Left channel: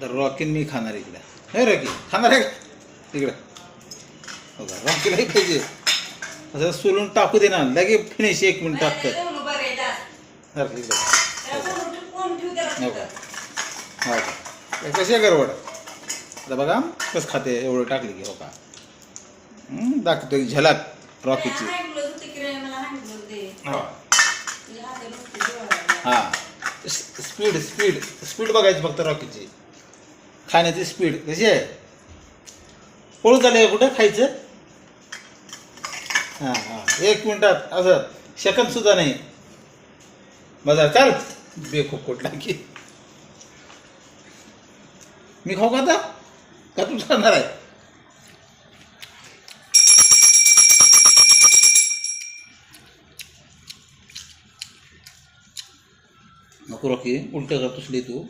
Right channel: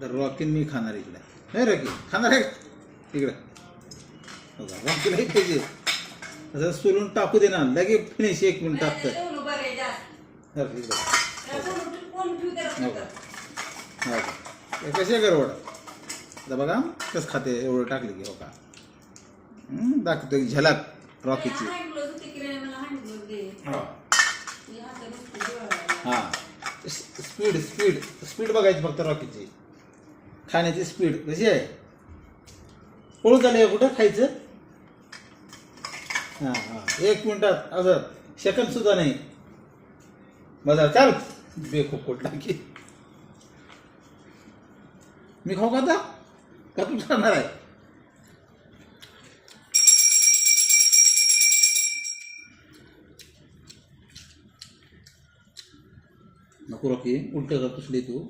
तर रॉकीन मी खाणार इकडं. हे रॉकी खाणार आहे तिकडं. हो का, रॉकीलाही पाहिजे असं सोलून टाकू दे ना, लगे फिनिश 1 मिनिट टाकतात. इकडं हो का, हो का, कशी आहे गरवड आता बघा कसं खाते एवढं टाकली की. हो का, दाखवतो एक झलक रॉकीची. हां, स्पीड स्पीड स्पीड बघायची फक्त रॉकीची. खाण्याची स्पीड कशी आहे. पळून चालले का कुठं खायचं. हां हां, 1 मिनिटात असं सेकंद सुद्धा नाही. बघा चाल बेखूब कुठला की. मी खाऊ का आता का तू खाणार आहे. नको रॉकी, उलट करतोस तू.